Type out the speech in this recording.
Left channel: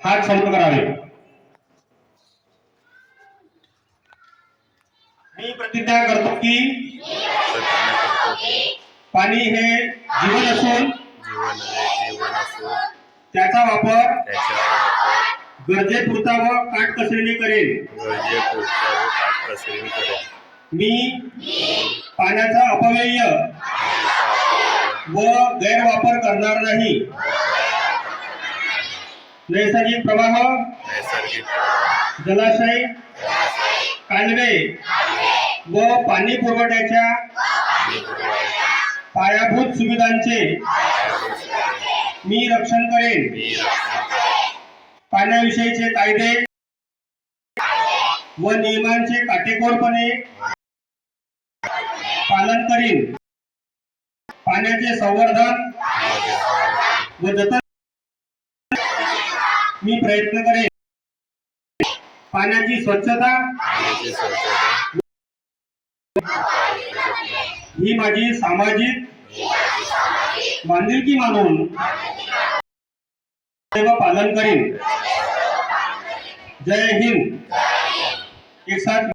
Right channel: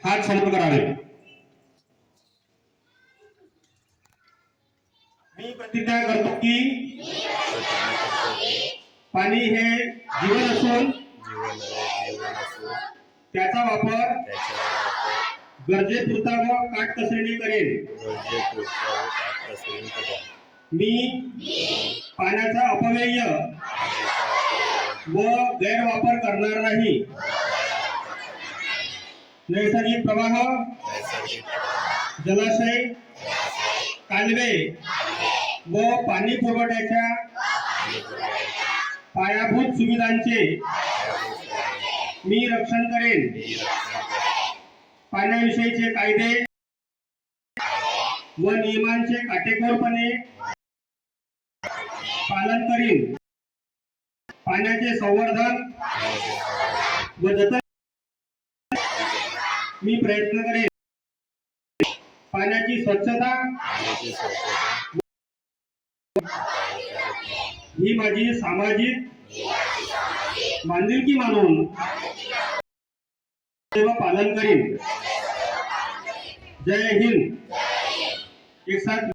हात संप करावे. मी प्रतिज्ञा करतो की पाणी हे जीवन असून त्याचा वापर गरजेपुरता व काटकसरीने करेल गरजेपुरता व काटकसरीने करेल मी पाण्याचा अपव्यय व गैरवापर करणार नाही. नैसर्गिक प्रवाह जलाशय कालवे व पाणी पुरवठ्याच्या पायाभूत सुविधांचे मी रक्षण करेन मी रक्षण करेन. पाण्याविषयीचे कायदे व नियमांचे काटेकोरपणे पालन करीन पाण्याचे संवर्धन व जतन मी प्रयत्न करेन. पाण्याची स्वच्छता. ही माझी सामाजिक बांधिलकी मानून पालन करीन. जय हिंद. एक साथ